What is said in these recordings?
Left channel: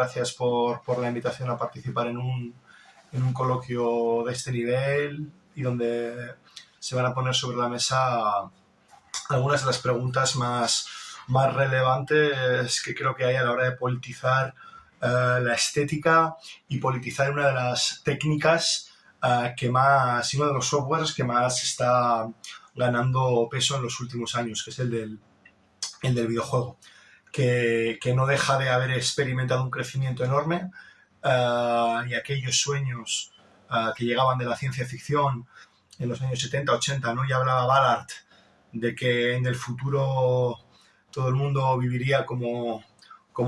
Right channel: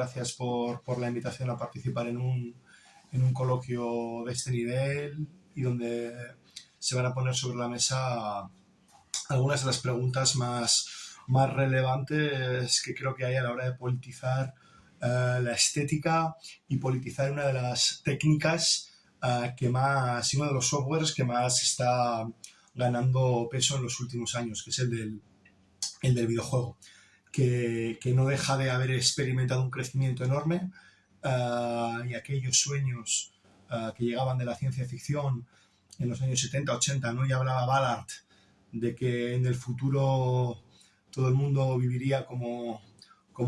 gracias por la invitación a participar en un coloquio de este nivel y donde se van a poner sobre la mesa algunas de las preguntas más relevantes que creo que hay a la hora de politizar la estética y politizar una de las técnicas que más, y uno de los softwares que más está ganando peso en los últimos años, que es el del videojuego, que no deja de haber experimentado un crecimiento enorme y aquellos sueños que llegaban de la ciencia ficción en los años 70, 80, ¿no? Ya hablaba Ballard de que en el futuro todo el mundo viviría como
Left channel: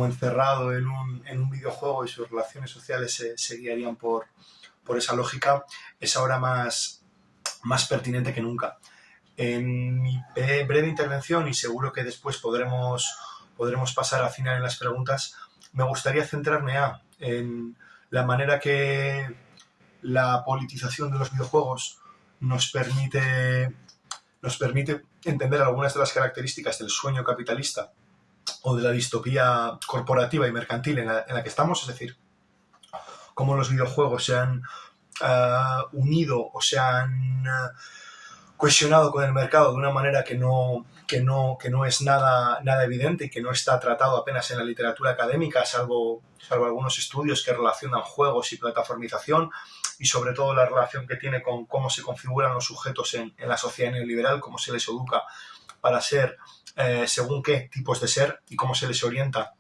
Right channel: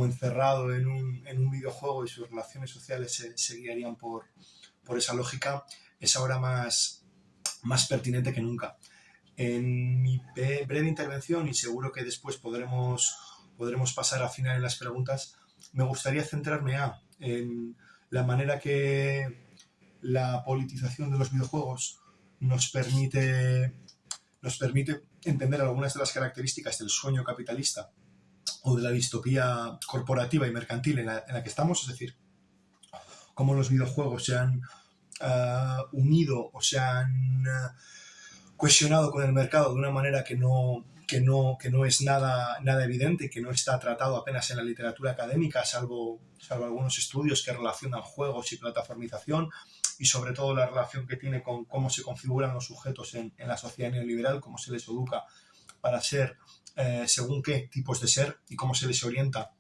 encerrado en un videojuego y sus relaciones sociales se guiarían por esa lógica, es ahora más pertinente que nunca. En mi breve intervención, y seguro que después podremos pasar a final en las preguntas, me gustaría centrarme en la manera que la politización de los videojuegos nos permite entender algunas de las características del sueño capitalista o de la distopía corporativa y mercantil en la que estamos, es decir, cómo los videojuegos se han unido o se han cohesionado con el mercado de una manera que no es nada evidente y que no está tratado apenas en la literatura académica, salvo algunos estudios que relacionan juegos y plataformización, y sobre todo la relación que tiene con cómo se configuran los sujetos en la sociedad neoliberal, cómo se les educa para ser según qué tipos de ser y cómo se les orienta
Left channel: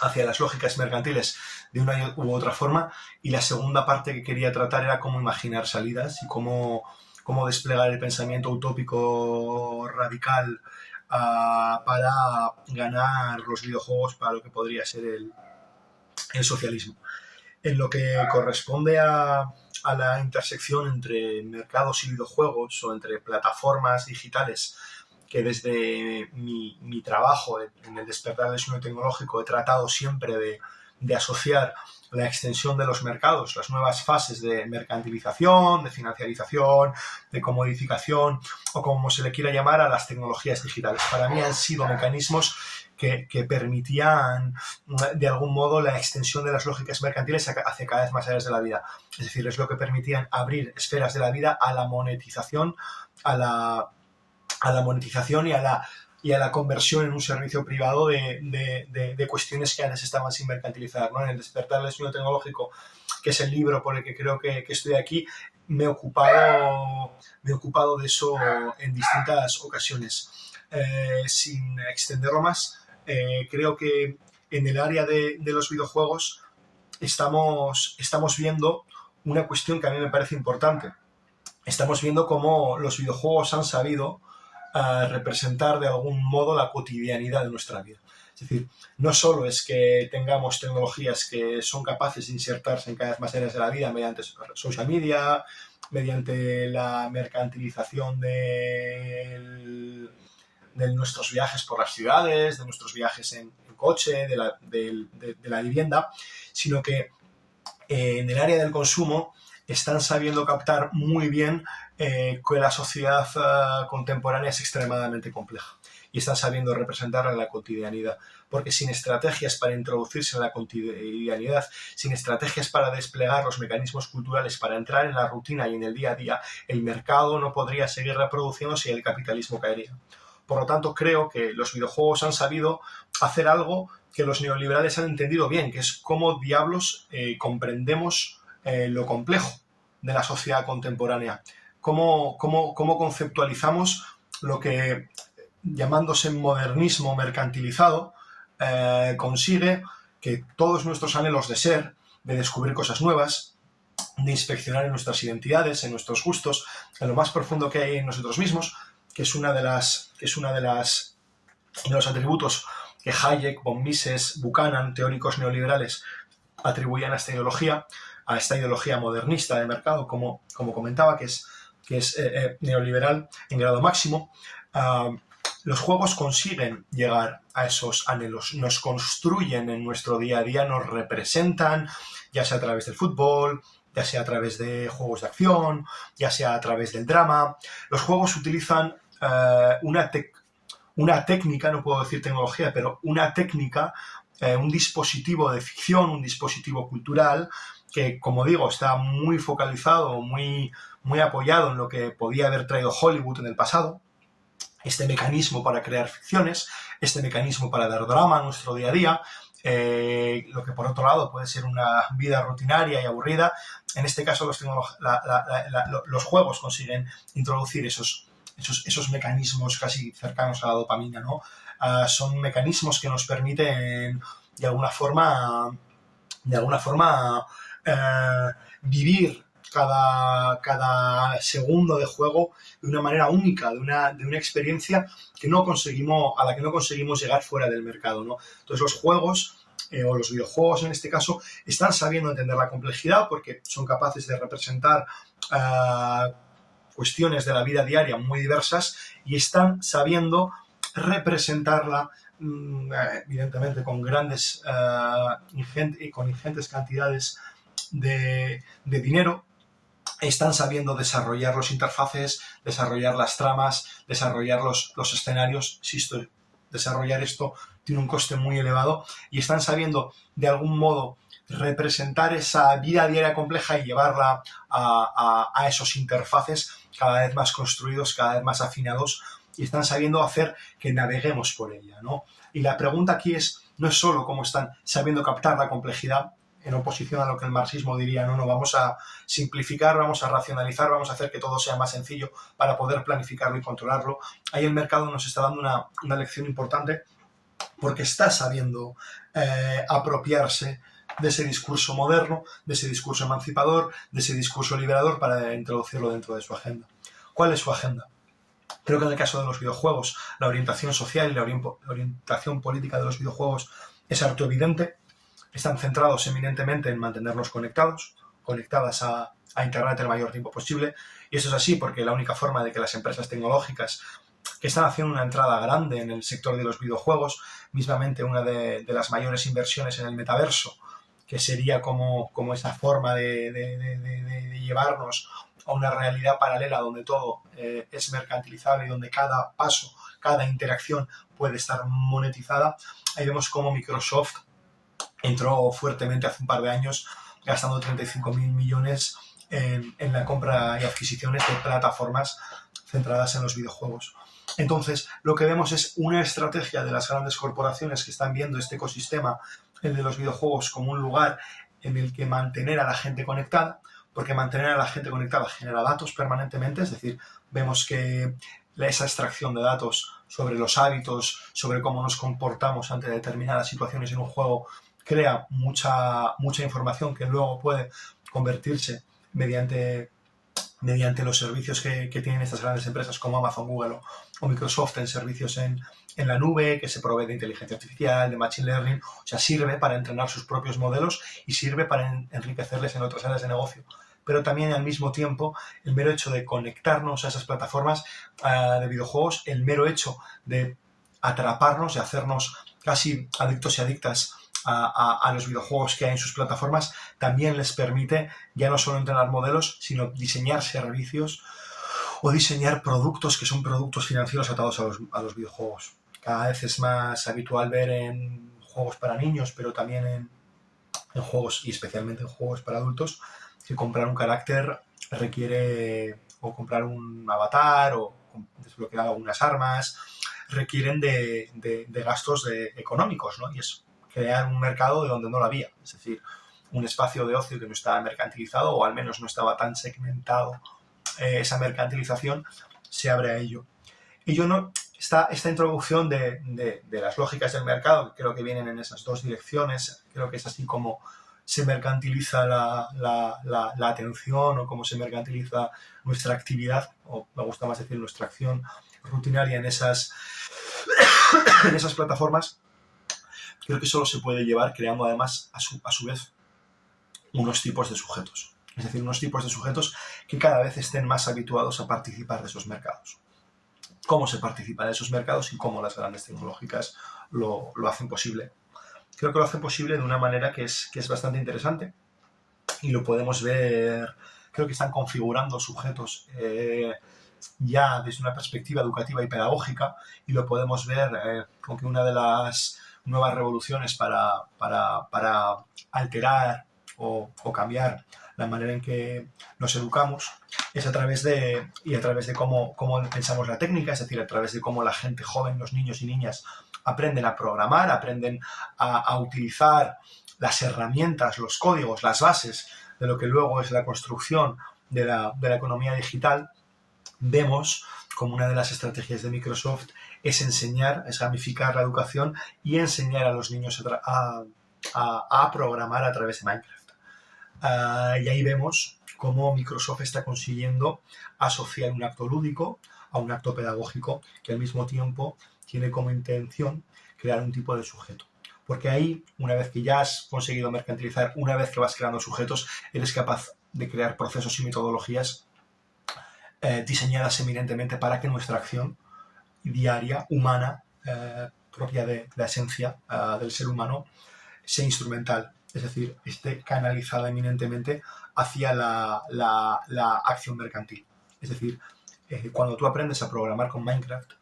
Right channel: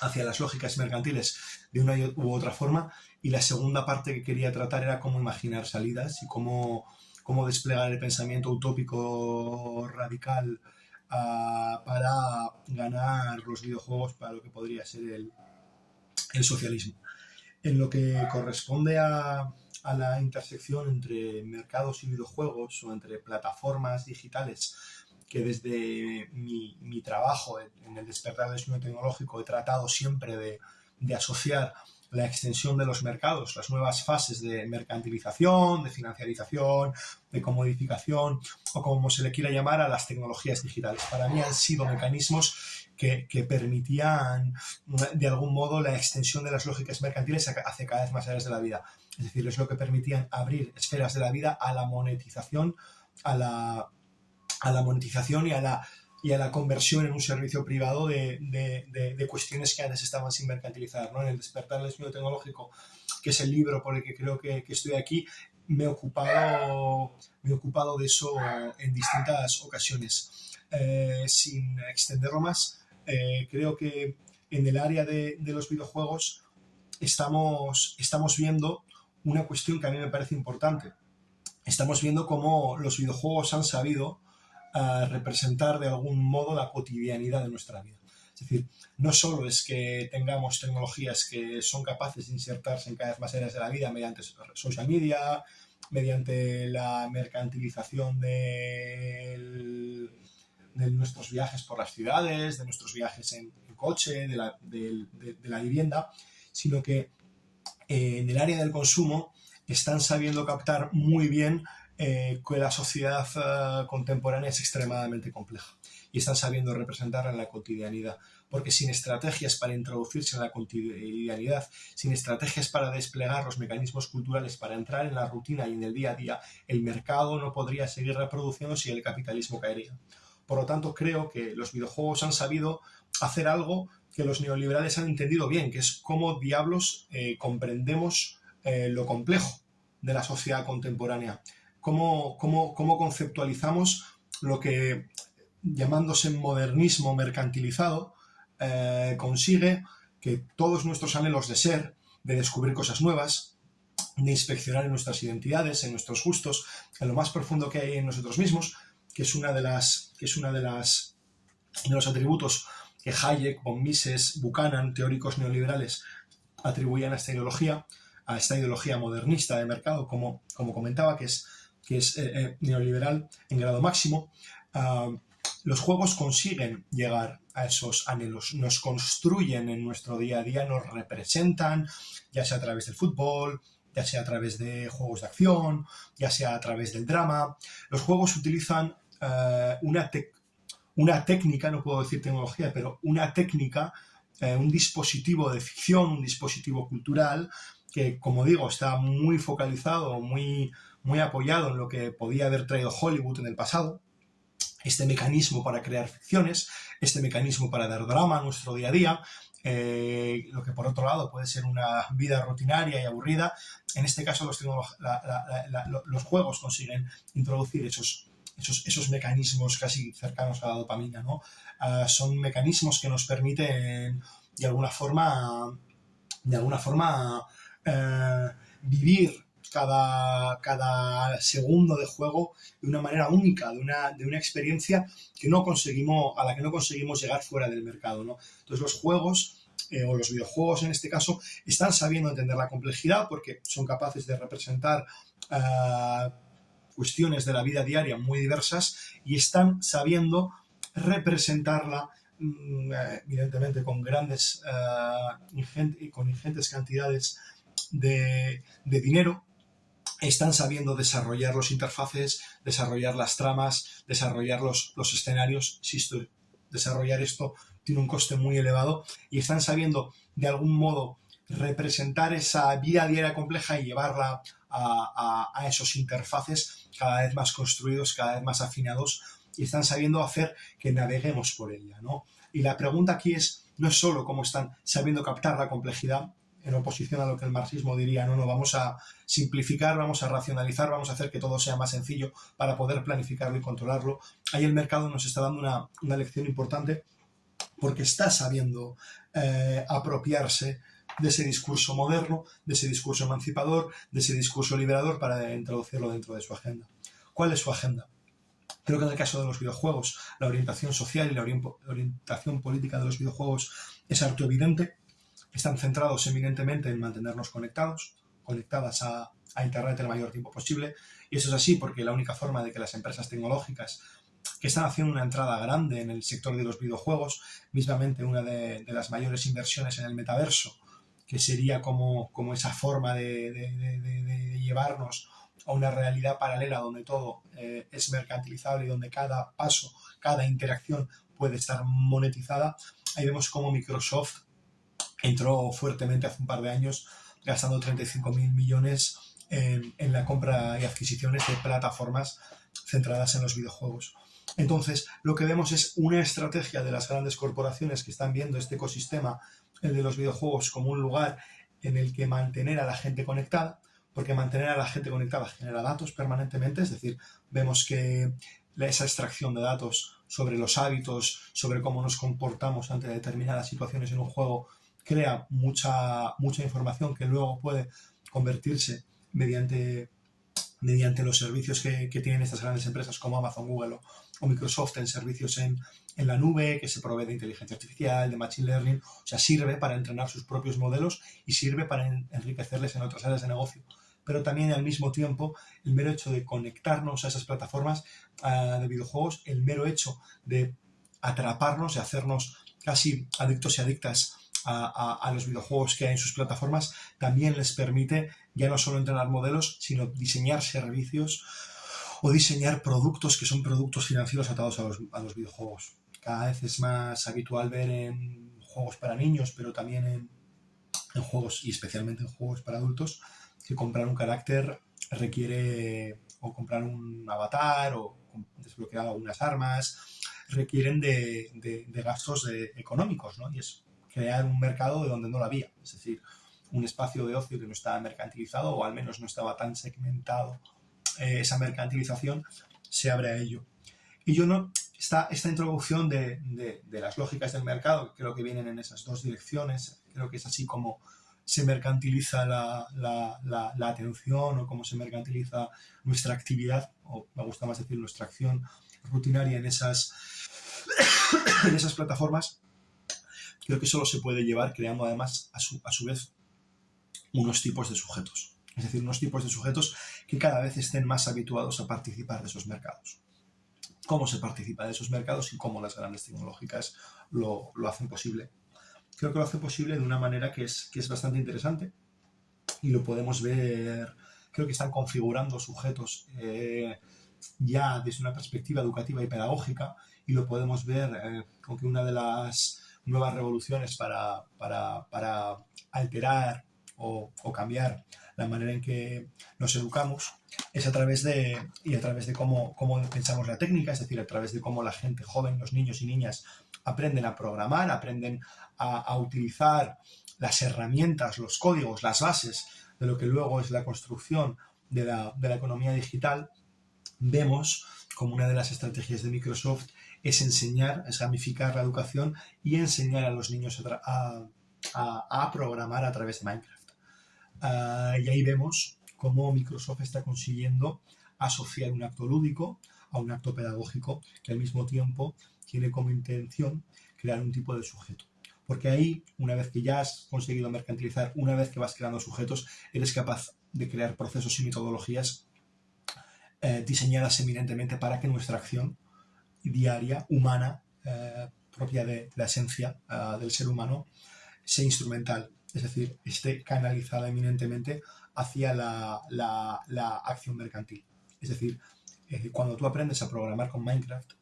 hacia las lógicas mercantiles de una u otra forma. Y la segunda parte que quería tratar era cómo imaginar salidas y cómo desplegar el pensamiento utópico radical para ganar los videojuegos para lo que podría ser el socialismo. En lo que corresponde a la intersección entre mercados y videojuegos o entre plataformas digitales, que desde mi trabajo en el despertar del sueño tecnológico he tratado siempre de asociar la extensión de los mercados, las nuevas fases de mercantilización, de financiarización, de comodificación o como se le quiera llamar a las tecnologías digitales. Para mí han sido mecanismos que permitían de algún modo la extensión de las lógicas mercantiles hacia cada vez más áreas de la vida. Es decir, es lo que permitían abrir esferas de la vida a la monetización, a la monetización y a la conversión en un servicio privado de cuestiones que antes estaban sin mercantilizar, ¿no? En el despertar del sueño tecnológico, que es el libro por el que creo que estoy aquí, me he ocupado de eso en distintas ocasiones. Sin extenderlo más, creo que en el área de los videojuegos estamos viendo una cuestión que a mí me parece importante. Estamos viendo cómo los videojuegos han sabido representar de algún modo la cotidianidad de nuestra vida. Es decir, no solo es que tengamos tecnologías que son capaces de insertarse en cada vez más áreas de la vida mediante social media, mediante la mercantilización de nuestros viajes por las ciudades, de nuestros viajes en coche, de la vivienda, sino que en el área del consumo están sabiendo captar muy bien que la sociedad contemporánea es extremadamente compleja y están sabiendo representarla en la cotidianidad, porque sin estrategias para introducirse en la cotidianidad, sin estrategias para desplegar los mecanismos culturales para entrar en la rutina y en el día a día, el mercado no podría seguir reproduciéndose y el capitalismo caería. Por lo tanto, creo que los videojuegos han sabido hacer algo que los neoliberales han entendido bien, que es cómo diablos comprendemos lo complejo de la sociedad contemporánea. Cómo conceptualizamos lo que, llamándose modernismo mercantilizado, consigue que todos nuestros anhelos de ser, de descubrir cosas nuevas, de inspeccionar en nuestras identidades, en nuestros gustos, en lo más profundo que hay en nosotros mismos, que es una de los atributos que Hayek, von Mises, Buchanan, teóricos neoliberales, atribuían a esta ideología modernista de mercado, como comentaba, que es neoliberal en grado máximo. Los juegos consiguen llegar a esos anhelos, nos construyen en nuestro día a día, nos representan, ya sea a través del fútbol, ya sea a través de juegos de acción, ya sea a través del drama. Los juegos utilizan una técnica, no puedo decir tecnología, pero una técnica un dispositivo de ficción, un dispositivo cultural que, como digo, está muy focalizado, muy apoyado en lo que podía haber traído Hollywood en el pasado. Este mecanismo para crear ficciones, este mecanismo para dar drama a nuestro día a día, lo que por otro lado puede ser una vida rutinaria y aburrida. En este caso los juegos consiguen introducir esos mecanismos casi cercanos a la dopamina, ¿no? Son mecanismos que nos permiten de alguna forma vivir cada segundo de juego de una manera única, de una experiencia a la que no conseguimos llegar fuera del mercado, ¿no? Entonces los juegos, o los videojuegos en este caso, están sabiendo entender la complejidad porque son capaces de representar cuestiones de la vida diaria muy diversas y están sabiendo representarla evidentemente con grandes con ingentes cantidades de dinero. Están sabiendo desarrollar los interfaces, desarrollar las tramas, desarrollar los escenarios. Desarrollar esto tiene un coste muy elevado y están sabiendo de algún modo representar esa vida diaria compleja y llevarla a esos interfaces cada vez más construidos, cada vez más afinados, y están sabiendo hacer que naveguemos por ella, ¿no? Y la pregunta aquí no es solo cómo están sabiendo captar la complejidad, en oposición a lo que el marxismo diría, no, vamos a simplificar, vamos a racionalizar, vamos a hacer que todo sea más sencillo para poder planificarlo y controlarlo. Ahí el mercado nos está dando una lección importante porque está sabiendo apropiarse de ese discurso moderno, de ese discurso emancipador, de ese discurso liberador para introducirlo dentro de su agenda. ¿Cuál es su agenda? Creo que en el caso de los videojuegos, la orientación social y la orientación política de los videojuegos es harto evidente. Están centrados eminentemente en mantenernos conectadas a Internet el mayor tiempo posible. Y eso es así porque la única forma de que las empresas tecnológicas que están haciendo una entrada grande en el sector de los videojuegos, mismamente una de las mayores inversiones en el metaverso, que sería como esa forma de llevarnos a una realidad paralela donde todo es mercantilizable y donde cada paso, cada interacción puede estar monetizada. Ahí vemos cómo Microsoft entró fuertemente hace un par de años gastando 35.000 millones en la compra y adquisiciones de plataformas centradas en los videojuegos. Entonces, lo que vemos es una estrategia de las grandes corporaciones que están viendo este ecosistema, el de los videojuegos, como un lugar en el que mantener a la gente conectada, porque mantener a la gente conectada genera datos permanentemente, es decir, vemos que esa extracción de datos sobre los hábitos, sobre cómo nos comportamos ante determinadas situaciones en un juego, crea mucha información que luego puede convertirse mediante los servicios que tienen estas grandes empresas como Amazon, Google o Microsoft en servicios en la nube, que se provee de inteligencia artificial, de machine learning. O sea, sirve para entrenar sus propios modelos y sirve para enriquecerles en otras áreas de negocio. Pero también al mismo tiempo el mero hecho de conectarnos a esas plataformas de videojuegos, el mero hecho de atraparnos, de hacernos casi adictos y adictas a los videojuegos que hay en sus plataformas, también les permite ya no solo entrenar modelos, sino diseñar servicios o diseñar productos que son productos financieros atados a los videojuegos. Cada vez es más habitual ver en juegos para niños, pero también en juegos, y especialmente en juegos para adultos, que comprar un carácter requiere, o comprar un avatar, o desbloquear algunas armas, requieren de gastos económicos, ¿no? Y es crear un mercado de donde no lo había, es decir, un espacio de ocio que no estaba mercantilizado, o al menos no estaba tan segmentado. Esa mercantilización se abre a ello. Y esta introducción de las lógicas del mercado, creo que vienen en esas dos direcciones. Creo que es así como se mercantiliza la atención, o cómo se mercantiliza nuestra actividad, o me gusta más decir nuestra acción rutinaria en esas plataformas. Creo que solo se puede llevar creando además a su vez unos tipos de sujetos. Es decir, unos tipos de sujetos que cada vez estén más habituados a participar de esos mercados. ¿Cómo se participa de esos mercados y cómo las grandes tecnológicas lo hacen posible? Creo que lo hacen posible de una manera que es bastante interesante, y lo podemos ver. Creo que están configurando sujetos ya desde una perspectiva educativa y pedagógica, y lo podemos ver con que una de las nuevas revoluciones para alterar o cambiar la manera en que nos educamos es a través de cómo pensamos la técnica, es decir, a través de cómo la gente joven, los niños y niñas, aprenden a programar, aprenden a utilizar las herramientas, los códigos, las bases de lo que luego es la construcción de la economía digital. Vemos como una de las estrategias de Microsoft es gamificar la educación y enseñar a los niños a programar a través de Minecraft. Y ahí vemos cómo Microsoft está consiguiendo asociar un acto lúdico a un acto pedagógico que al mismo tiempo tiene como intención crear un tipo de sujeto. Porque ahí, una vez que ya has conseguido mercantilizar, una vez que vas creando sujetos, eres capaz de crear procesos y metodologías diseñadas eminentemente para que nuestra acción diaria, humana, propia de la esencia del ser humano, sea instrumental, es decir, esté canalizada eminentemente hacia la acción mercantil. Es decir, cuando tú aprendes a programar con Minecraft,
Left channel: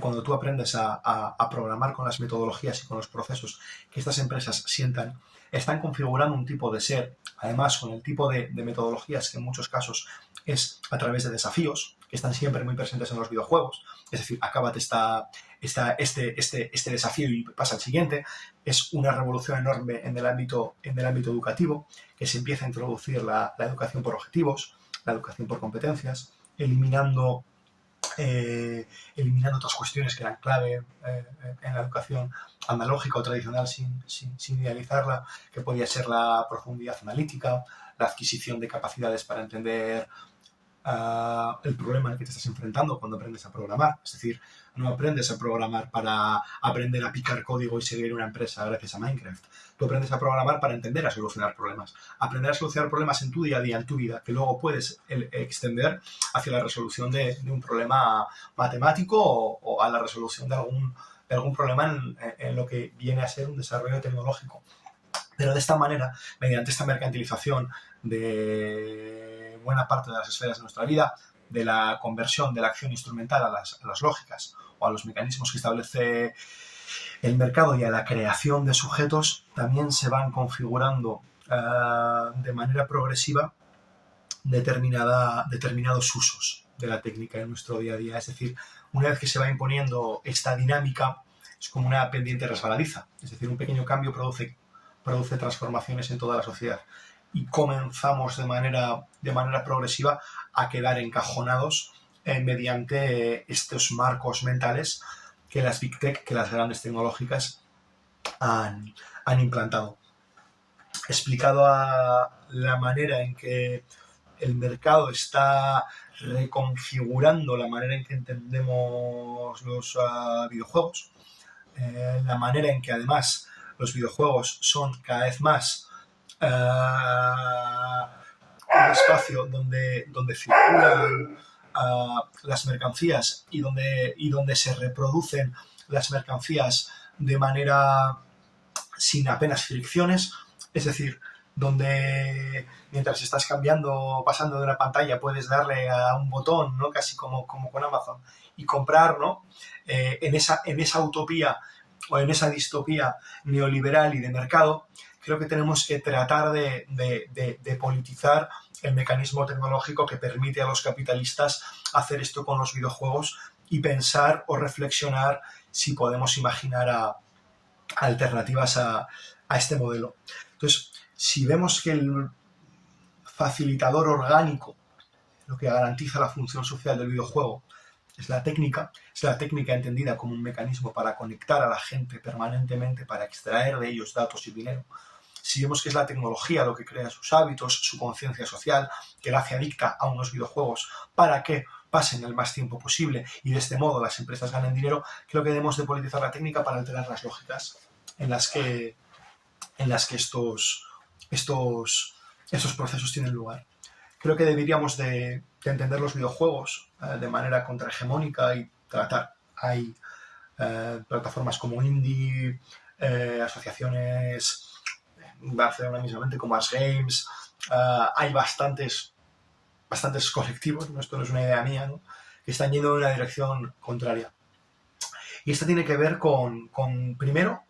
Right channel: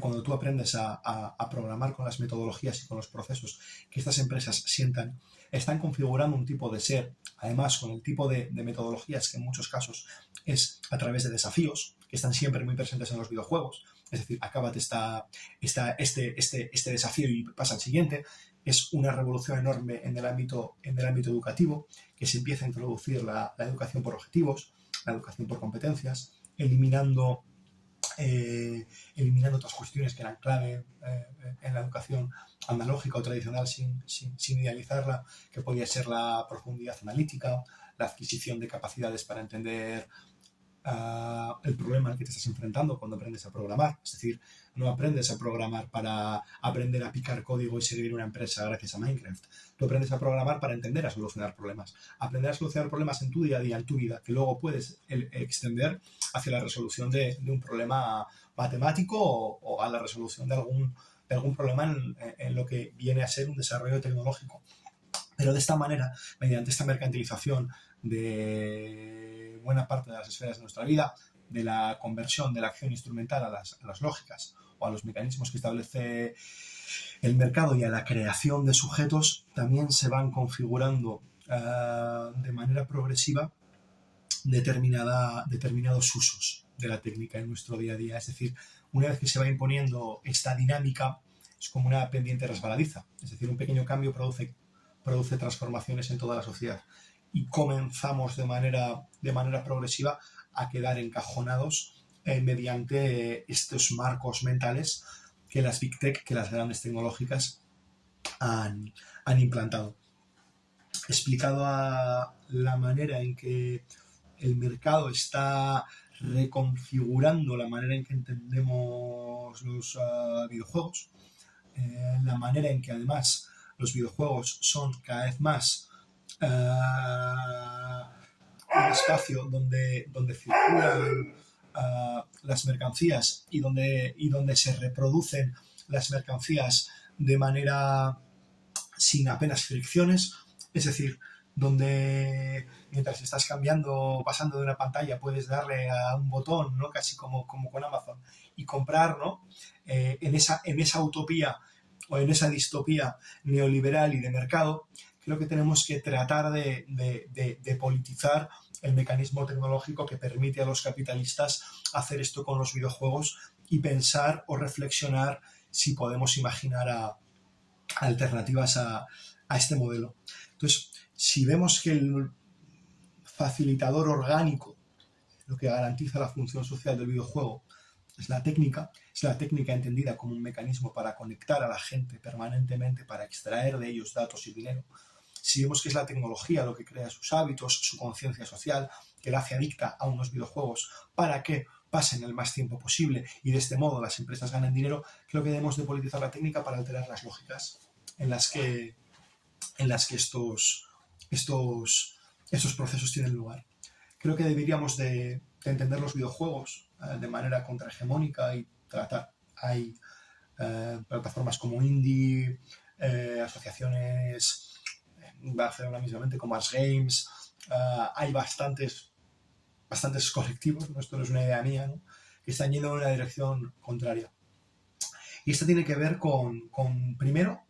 cuando tú aprendes a programar con las metodologías y con los procesos que estas empresas sientan, están configurando un tipo de ser, además con el tipo de metodologías que en muchos casos es a través de desafíos, que están siempre muy presentes en los videojuegos. Es decir, acábate este desafío y pasa al siguiente. Es una revolución enorme en el ámbito educativo, que se empieza a introducir la educación por objetivos, la educación por competencias, eliminando otras cuestiones que eran clave en la educación analógica o tradicional sin idealizarla, que podía ser la profundidad analítica, la adquisición de capacidades para entender el problema al que te estás enfrentando cuando aprendes a programar. Es decir, no aprendes a programar para aprender a picar código y seguir una empresa gracias a Minecraft. Tú aprendes a programar para entender a solucionar problemas. Aprender a solucionar problemas en tu día a día, en tu vida, que luego puedes extender hacia la resolución de un problema matemático o a la resolución de algún problema en lo que viene a ser un desarrollo tecnológico. Pero de esta manera, mediante esta mercantilización de buena parte de las esferas de nuestra vida, de la conversión de la acción instrumental a las lógicas o a los mecanismos que establece el mercado y a la creación de sujetos, también se van configurando de manera progresiva determinados usos de la técnica en nuestro día a día. Es decir, una vez que se va imponiendo esta dinámica, es como una pendiente resbaladiza. Es decir, un pequeño cambio produce transformaciones en toda la sociedad. Y comenzamos de manera progresiva a quedar encajonados mediante estos marcos mentales que las Big Tech, que las grandes tecnológicas han implantado. Explicado a la manera en que el mercado está reconfigurando la manera en que entendemos los videojuegos, la manera en que además los videojuegos son cada vez más un espacio donde circulan las mercancías y donde se reproducen las mercancías de manera sin apenas fricciones, es decir, donde mientras estás pasando de una pantalla, puedes darle a un botón, ¿no? Casi como con Amazon, y comprar, ¿no? En esa utopía o en esa distopía neoliberal y de mercado, creo que tenemos que tratar de politizar el mecanismo tecnológico que permite a los capitalistas hacer esto con los videojuegos y pensar o reflexionar si podemos imaginar alternativas a este modelo. Entonces, si vemos que el facilitador orgánico, lo que garantiza la función social del videojuego, es la técnica entendida como un mecanismo para conectar a la gente permanentemente, para extraer de ellos datos y dinero. Si vemos que es la tecnología lo que crea sus hábitos, su conciencia social, que la hace adicta a unos videojuegos para que pasen el más tiempo posible y de este modo las empresas ganen dinero, creo que debemos de politizar la técnica para alterar las lógicas en las que estos procesos tienen lugar. Creo que deberíamos de entender los videojuegos de manera contrahegemónica y tratar. Hay plataformas como Indie, asociaciones en Barcelona mismamente como Ars Games, hay bastantes colectivos, ¿no? Esto no es una idea mía, ¿no? Que están yendo en una dirección contraria. Y esto tiene que ver con primero,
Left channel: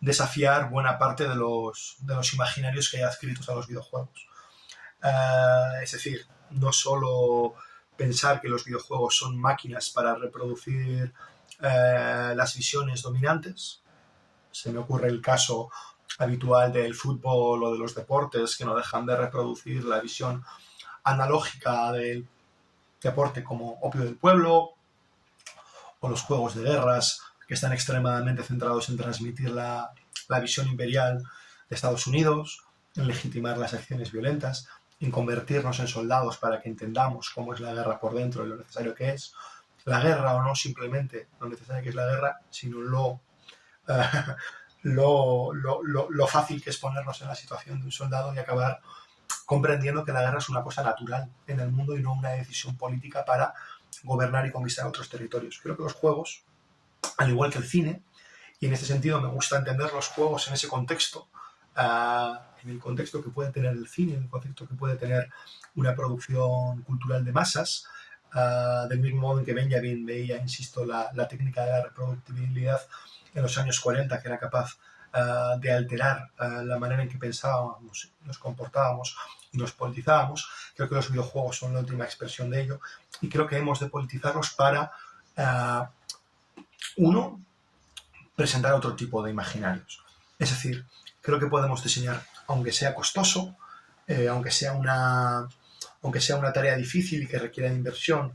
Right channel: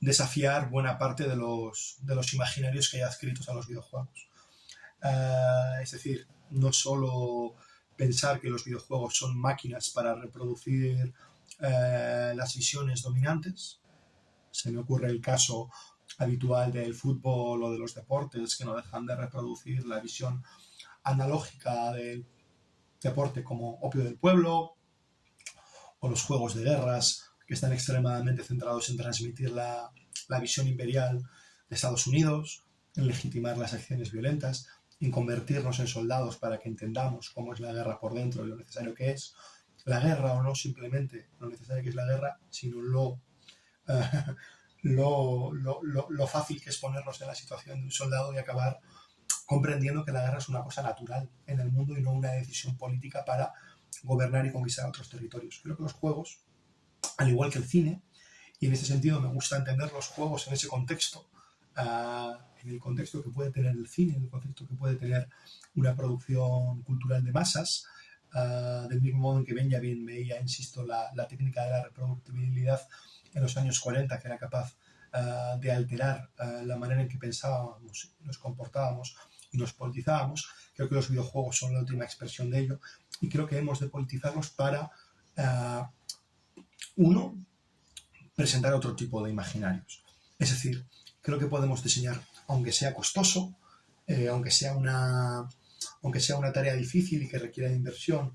desafiar buena parte de los imaginarios que hay adscritos a los videojuegos. Es decir, no solo pensar que los videojuegos son máquinas para reproducir las visiones dominantes. Se me ocurre el caso habitual del fútbol o de los deportes que no dejan de reproducir la visión analógica del deporte como opio del pueblo, o los juegos de guerras que están extremadamente centrados en transmitir la visión imperial de Estados Unidos, en legitimar las acciones violentas, en convertirnos en soldados para que entendamos cómo es la guerra por dentro y lo necesario que es la guerra, o no simplemente lo necesario que es la guerra, sino lo fácil que es ponernos en la situación de un soldado y acabar comprendiendo que la guerra es una cosa natural en el mundo y no una decisión política para gobernar y conquistar otros territorios. Creo que los juegos, al igual que el cine, y en este sentido me gusta entender los juegos en ese contexto, en el contexto que puede tener el cine, en el contexto que puede tener una producción cultural de masas, del mismo modo en que Benjamin veía, insisto, la técnica de la reproductibilidad en los años 40, que era capaz de alterar la manera en que pensábamos, nos comportábamos y nos politizábamos. Creo que los videojuegos son la última expresión de ello y creo que hemos de politizarlos para, uno, presentar otro tipo de imaginarios. Es decir, creo que podemos diseñar, aunque sea costoso, aunque sea una tarea difícil y que requiera de inversión,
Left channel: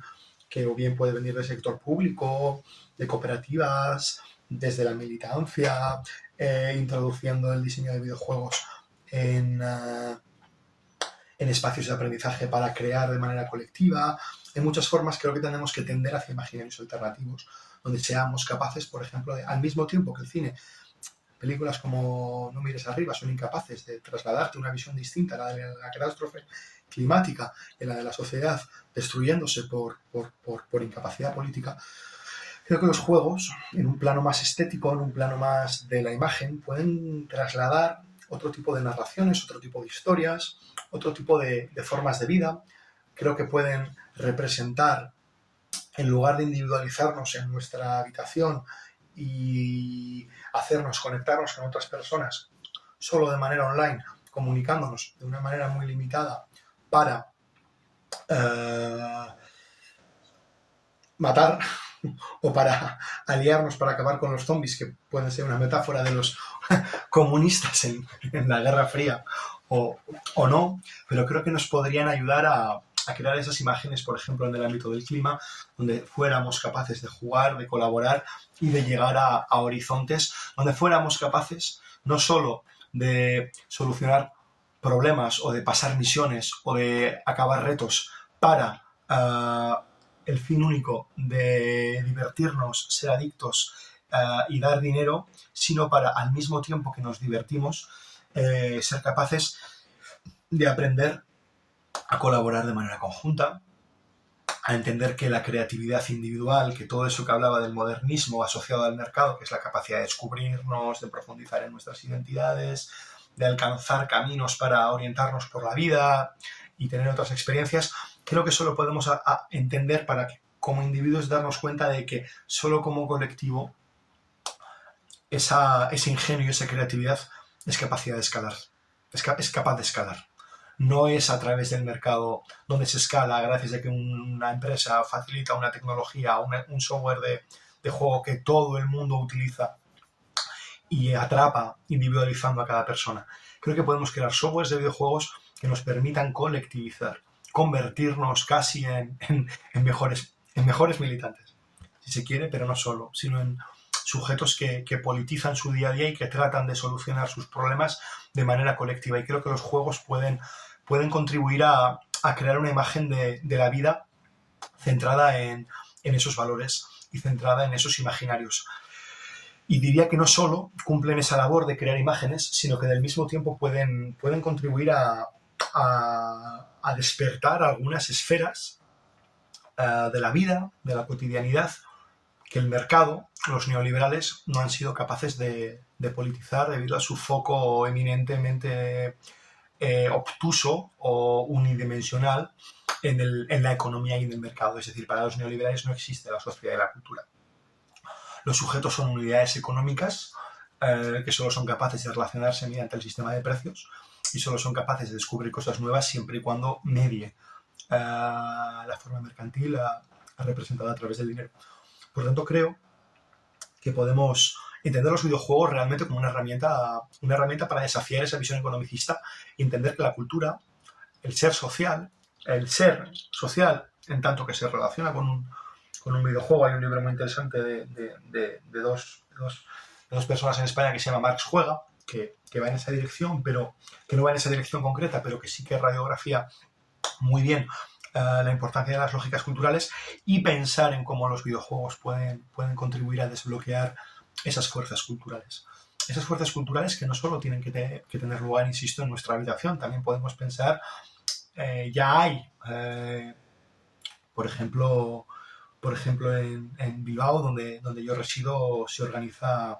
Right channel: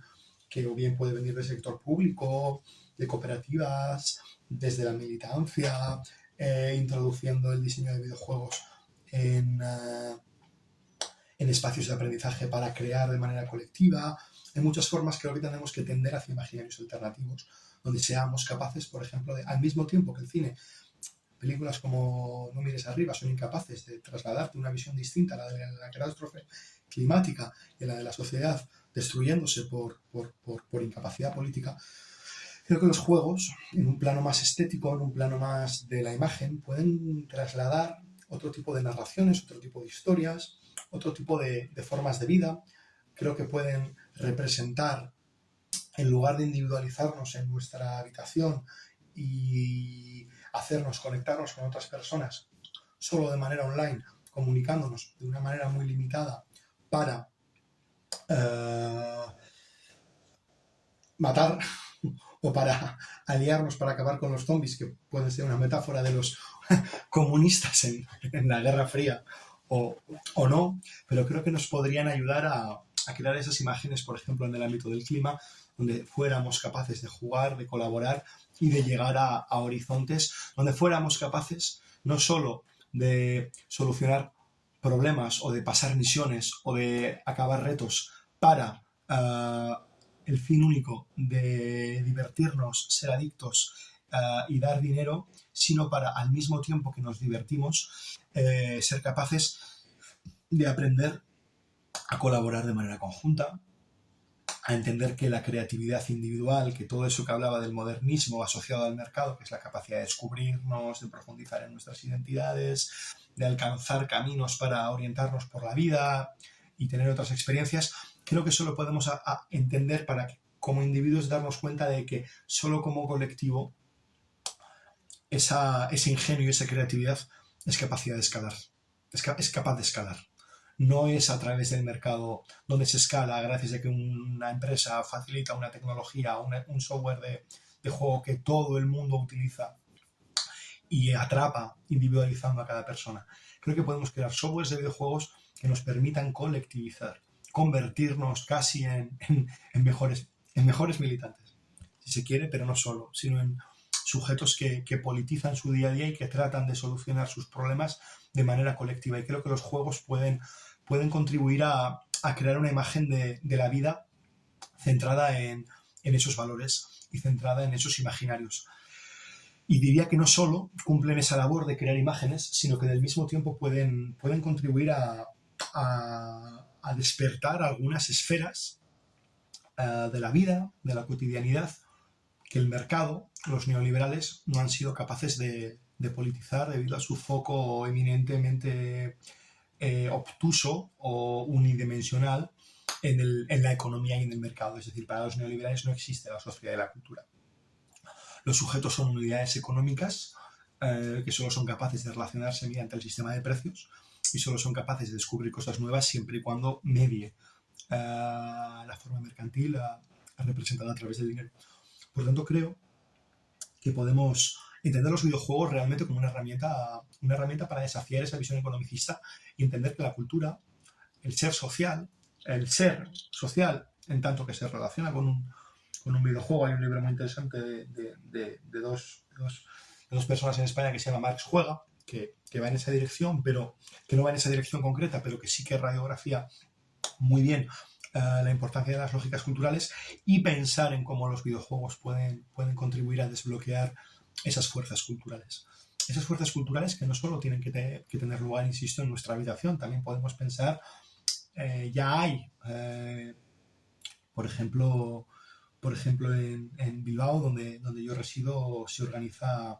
que o bien puede venir del sector público, de cooperativas, desde la militancia, introduciendo el diseño de videojuegos en espacios de aprendizaje para crear de manera colectiva. En muchas formas creo que tenemos que tender hacia imaginarios alternativos, donde seamos capaces, por ejemplo, al mismo tiempo que el cine, películas como No mires arriba son incapaces de trasladarte una visión distinta a la de la catástrofe climática y a la de la sociedad destruyéndose por incapacidad política. Creo que los juegos, en un plano más estético, en un plano más de la imagen, pueden trasladar otro tipo de narraciones, otro tipo de historias, otro tipo de formas de vida. Creo que pueden representar, en lugar de individualizarnos en nuestra habitación y hacernos conectarnos con otras personas solo de manera online, comunicándonos de una manera muy limitada para matar o para aliarnos para acabar con los zombies, que pueden ser una metáfora de los comunistas en la Guerra Fría o no, pero creo que nos podrían ayudar a crear esas imágenes, por ejemplo, en el ámbito del clima, donde fuéramos capaces de jugar, de colaborar y de llegar a horizontes, donde fuéramos capaces no solo de solucionar problemas o de pasar misiones o de acabar retos para el fin único de divertirnos, ser adictos y dar dinero, sino para, al mismo tiempo que nos divertimos, ser capaces de aprender a colaborar de manera conjunta, a entender que la creatividad individual, que todo eso que hablaba del modernismo asociado al mercado, que es la capacidad de descubrirnos, de profundizar en nuestras identidades, de alcanzar caminos para orientarnos por la vida y tener otras experiencias, creo que solo podemos entender para que como individuos darnos cuenta de que solo como colectivo ese ingenio y esa creatividad es capacidad de escalar, es capaz de escalar. No es a través del mercado donde se escala gracias a que una empresa facilita una tecnología, un software de juego que todo el mundo utiliza y atrapa individualizando a cada persona. Creo que podemos crear softwares de videojuegos que nos permitan colectivizar, convertirnos casi en mejores militantes, si se quiere, pero no solo, sino en sujetos que politizan su día a día y que tratan de solucionar sus problemas de manera colectiva. Y creo que los juegos pueden contribuir a crear una imagen de la vida centrada en esos valores y centrada en esos imaginarios. Y diría que no solo cumplen esa labor de crear imágenes, sino que del mismo tiempo pueden contribuir a despertar algunas esferas de la vida, de la cotidianidad, que el mercado, los neoliberales, no han sido capaces de politizar debido a su foco eminentemente obtuso o unidimensional en la economía y en el mercado. Es decir, para los neoliberales no existe la sociedad y la cultura. Los sujetos son unidades económicas que solo son capaces de relacionarse mediante el sistema de precios y solo son capaces de descubrir cosas nuevas siempre y cuando medie la forma mercantil representada a través del dinero. Por lo tanto, creo que podemos entender los videojuegos realmente como una herramienta para desafiar esa visión economicista y entender que la cultura, el ser social, en tanto que se relaciona con un videojuego. Hay un libro muy interesante de dos personas en España que se llama Marx Juega, que va en esa dirección, pero que no va en esa dirección concreta, pero que sí que radiografía muy bien la importancia de las lógicas culturales y pensar en cómo los videojuegos pueden contribuir a desbloquear esas fuerzas culturales. Esas fuerzas culturales que no solo tienen que tener lugar, insisto, en nuestra habitación, también podemos pensar, ya hay, por ejemplo, en Bilbao, donde yo resido, se organiza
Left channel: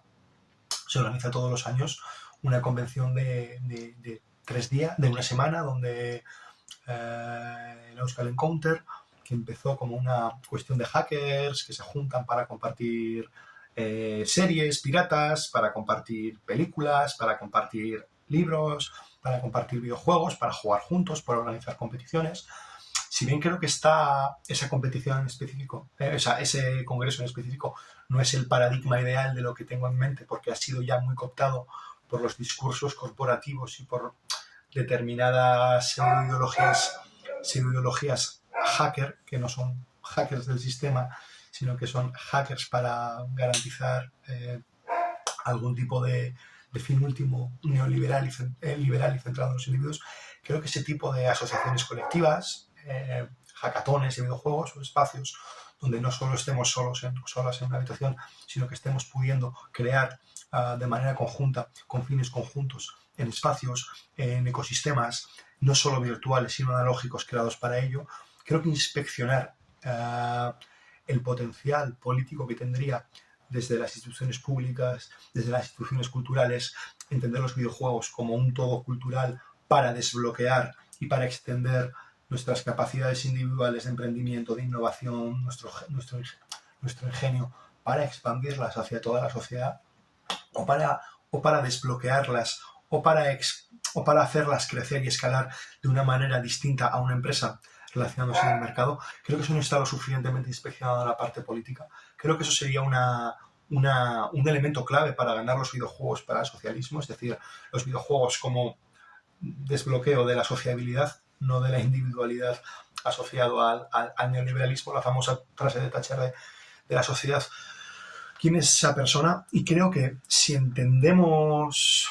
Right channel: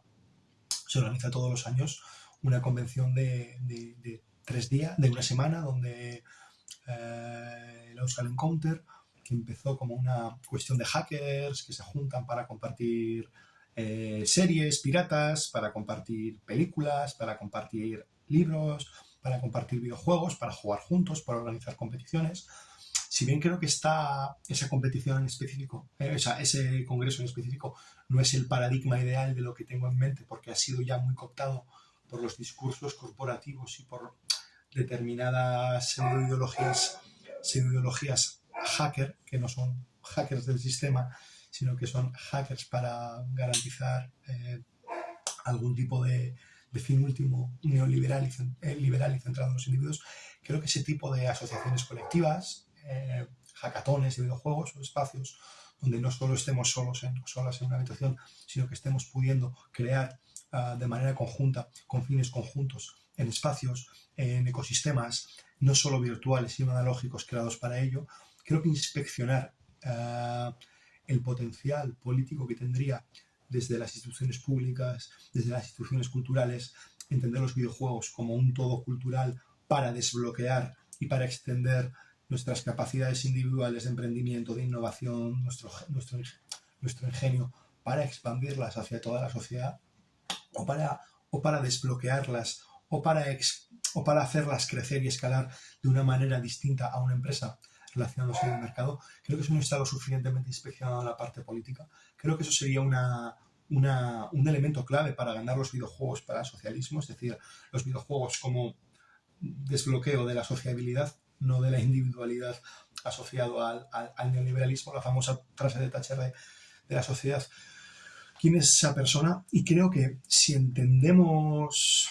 todos los años una convención de 3 días, de una semana, donde el Euskal Encounter, que empezó como una cuestión de hackers que se juntan para compartir series piratas, para compartir películas, para compartir libros, para compartir videojuegos, para jugar juntos, para organizar competiciones. Si bien creo que esa competición en específico, ese congreso en específico, no es el paradigma ideal de lo que tengo en mente, porque ha sido ya muy cooptado por los discursos corporativos y por determinadas pseudoideologías hacker, que no son hackers del sistema, sino que son hackers para garantizar algún tipo de fin último neoliberal liberal y centrado en los individuos. Creo que ese tipo de asociaciones colectivas, hackatones de videojuegos o espacios donde no solo estemos solas en una habitación, sino que estemos pudiendo crear de manera conjunta, con fines conjuntos, en espacios, en ecosistemas, no solo virtuales, sino analógicos creados para ello. Creo que inspeccionar el potencial político que tendría desde las instituciones públicas, desde las instituciones culturales, entender los videojuegos como un todo cultural para desbloquear y para extender nuestras capacidades individuales de emprendimiento, de innovación, nuestro ingenio, para expandirlas hacia toda la sociedad o para desbloquearlas o para hacerlas crecer y escalar de una manera distinta a una empresa relacionándose en el mercado. Creo que eso no está lo suficientemente inspeccionado en la parte política. Creo que eso sería un elemento clave para ganar los videojuegos para el socialismo, es decir, los videojuegos como desbloqueo de la sociabilidad, no de la individualidad asociado al neoliberalismo, la famosa frase de Thatcher de la sociedad. ¿Quién es esa persona? Y creo que si entendemos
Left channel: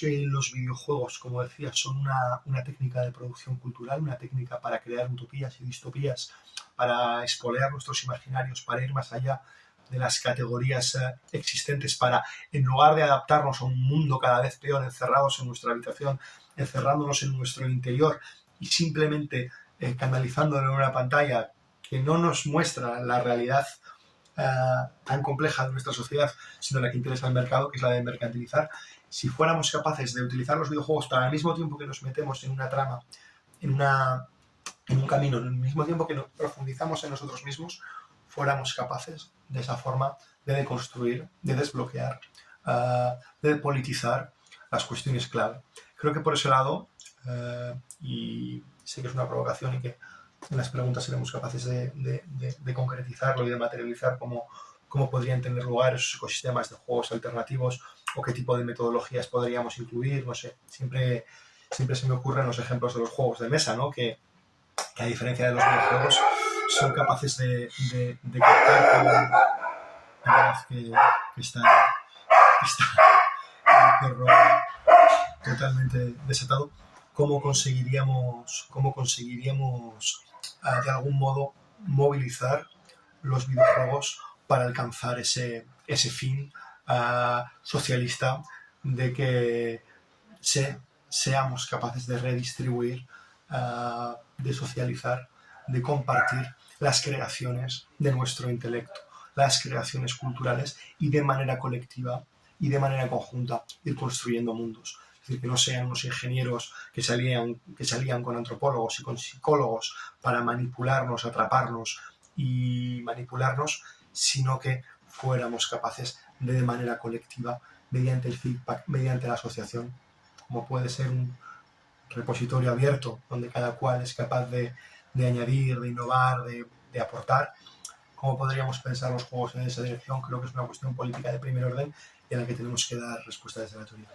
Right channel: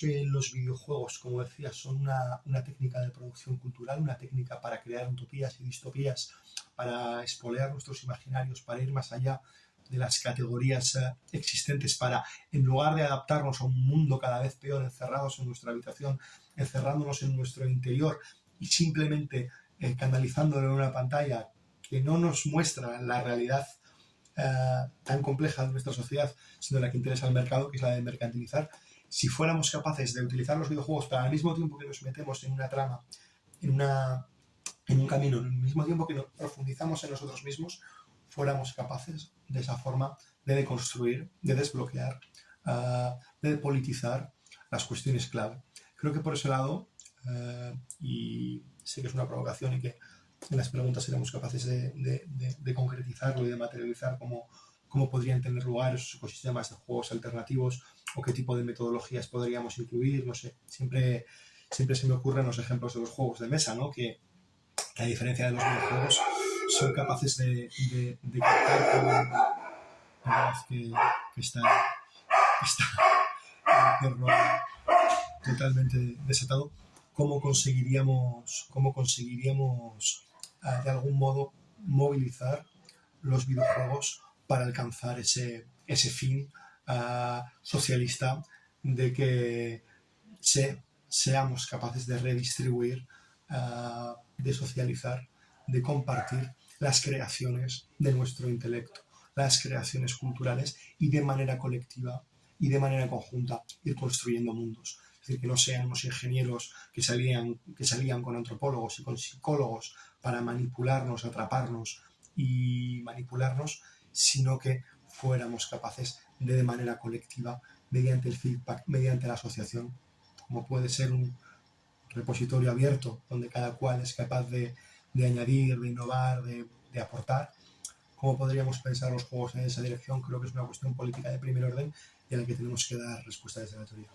que los videojuegos, como decía, son una técnica de producción cultural, una técnica para crear utopías y distopías, para expolear nuestros imaginarios, para ir más allá de las categorías existentes, para, en lugar de adaptarnos a un mundo cada vez peor, encerrados en nuestra habitación, encerrándonos en nuestro interior y simplemente canalizándolo en una pantalla que no nos muestra la realidad tan compleja de nuestra sociedad, sino la que interesa al mercado, que es la de mercantilizar. Si fuéramos capaces de utilizar los videojuegos para al mismo tiempo que nos metemos en una trama, en un camino, al mismo tiempo que nos profundizamos en nosotros mismos, fuéramos capaces de esa forma de deconstruir, de desbloquear, de politizar las cuestiones clave. Creo que por ese lado, y sé que es una provocación y que en las preguntas seremos capaces de concretizarlo y de materializar cómo podrían tener lugar esos ecosistemas de juegos alternativos o qué tipo de metodologías podríamos incluir, no sé. Siempre se me ocurren los ejemplos de los juegos de mesa, ¿no? Que a diferencia de los videojuegos son capaces de captar que está el perro totalmente desatado, cómo conseguiríamos de algún modo movilizar los videojuegos para alcanzar ese fin socialista de que seamos capaces de redistribuir, de socializar, de compartir las creaciones de nuestro intelecto, las creaciones culturales, y de manera colectiva y de manera conjunta ir construyendo mundos. Es decir, que no sean unos ingenieros que se alían con antropólogos y con psicólogos para manipularnos, atraparnos y manipularnos, sino que fuéramos capaces de manera colectiva mediante el feedback, mediante la asociación, como puede ser un repositorio abierto donde cada cual es capaz de añadir, de innovar, de aportar. ¿Cómo podríamos pensar los juegos en esa dirección? Creo que es una cuestión política de primer orden y a la que tenemos que dar respuesta desde la teoría.